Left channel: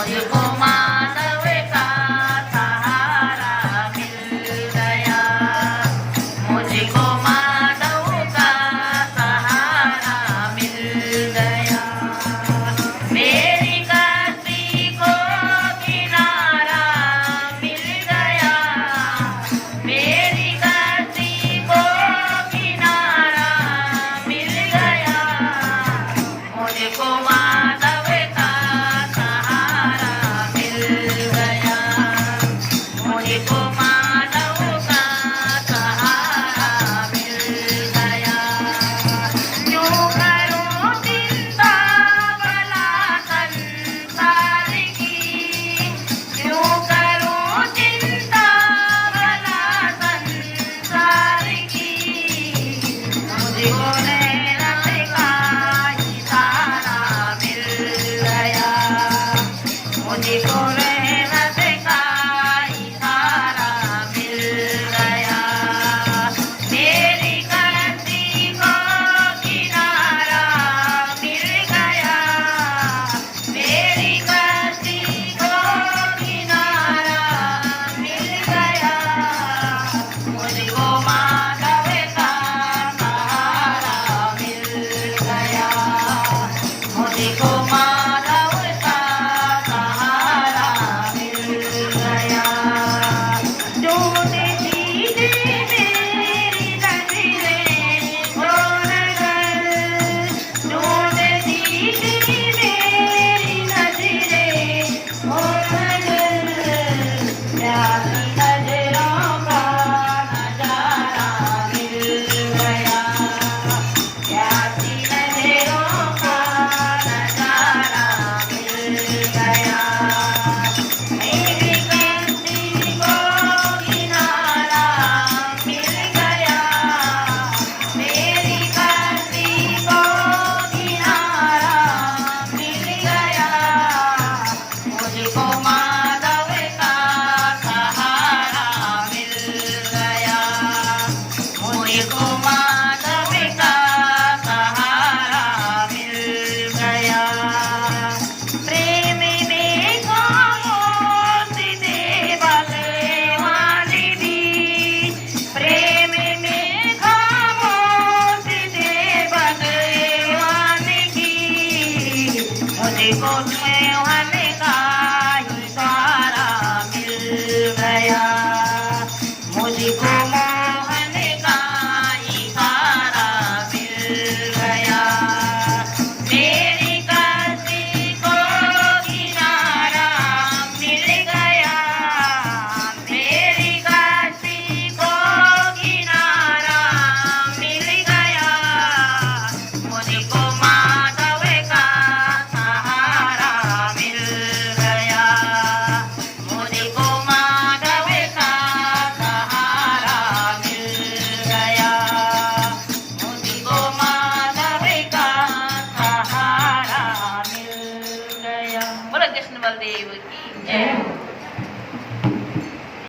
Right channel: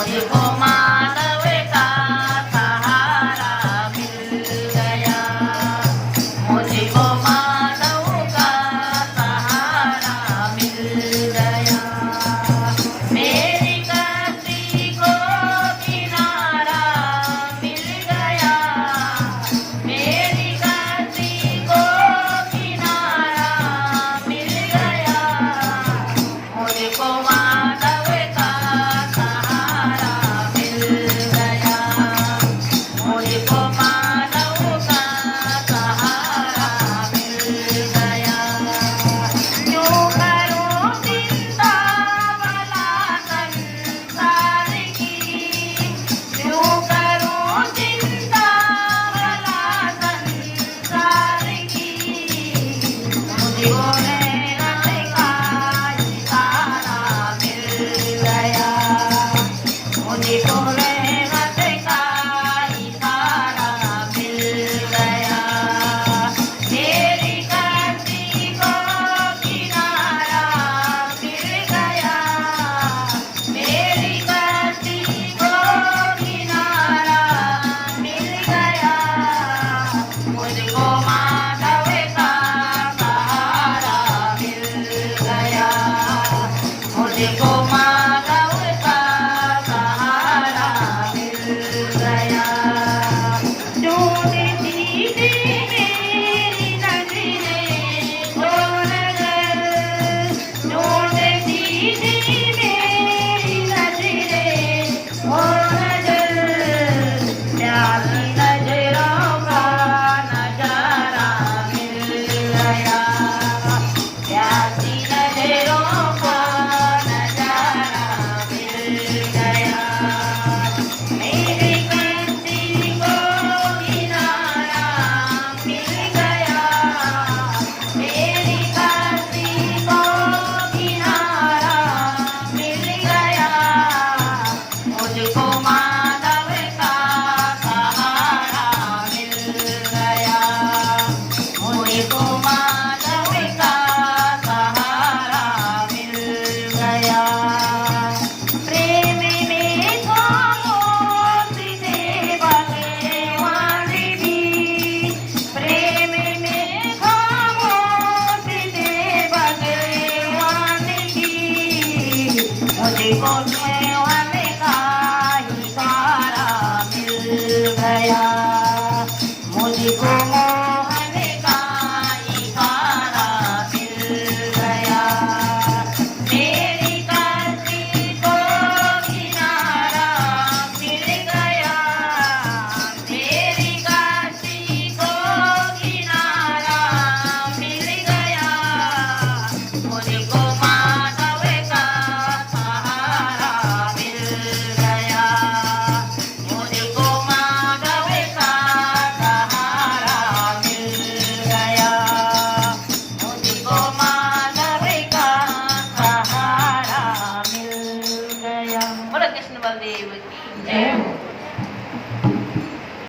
मुझको मानव का सहारा मिल गया। मुझको मानव का सहारा मिल गया। मेरी कश्ती को किनारा मिल गया। मेरी कश्ती को किनारा मिल गया। मुझको मानव का सहारा मिल गया। मुझको मानव का सहारा मिल गया। यूं करो चिंता भला संसार की। यूं करो चिंता भला संसार की। मुझको नैना का इशारा मिल गया। मुझको नैना का इशारा मिल गया। मेरी कश्ती को किनारा मिल गया। मेरी कश्ती को किनारा मिल गया। मुझको मानव का सहारा मिल गया। मुझको मानव का सहारा मिल गया। ढूंढती थी मेरी नजरें छोड़ कर। ढूंढती थी मेरी नजरें छोड़ कर। प्यासी नजरों का नजारा मिल गया। प्यासी नजरों का नजारा मिल गया। मेरी कश्ती को किनारा मिल गया। मेरी कश्ती को किनारा मिल गया। मुझको मानव का सहारा मिल गया। मुझको मानव का सहारा मिल गया। प्रेम में खामोश थे भगवान भी। प्रेम में खामोश थे भगवान की। मुझको मोहन का इशारा मिल गया। मुझको मोहन का इशारा मिल गया। मेरी कश्ती को किनारा मिल गया। मेरी कश्ती को किनारा मिल गया। मुझको मानव का सहारा मिल गया। मुझको मानव का सहारा मिल गया। मुझको मानव का सहारा मिल गया। बोलो कृष्ण बलदेव की जय।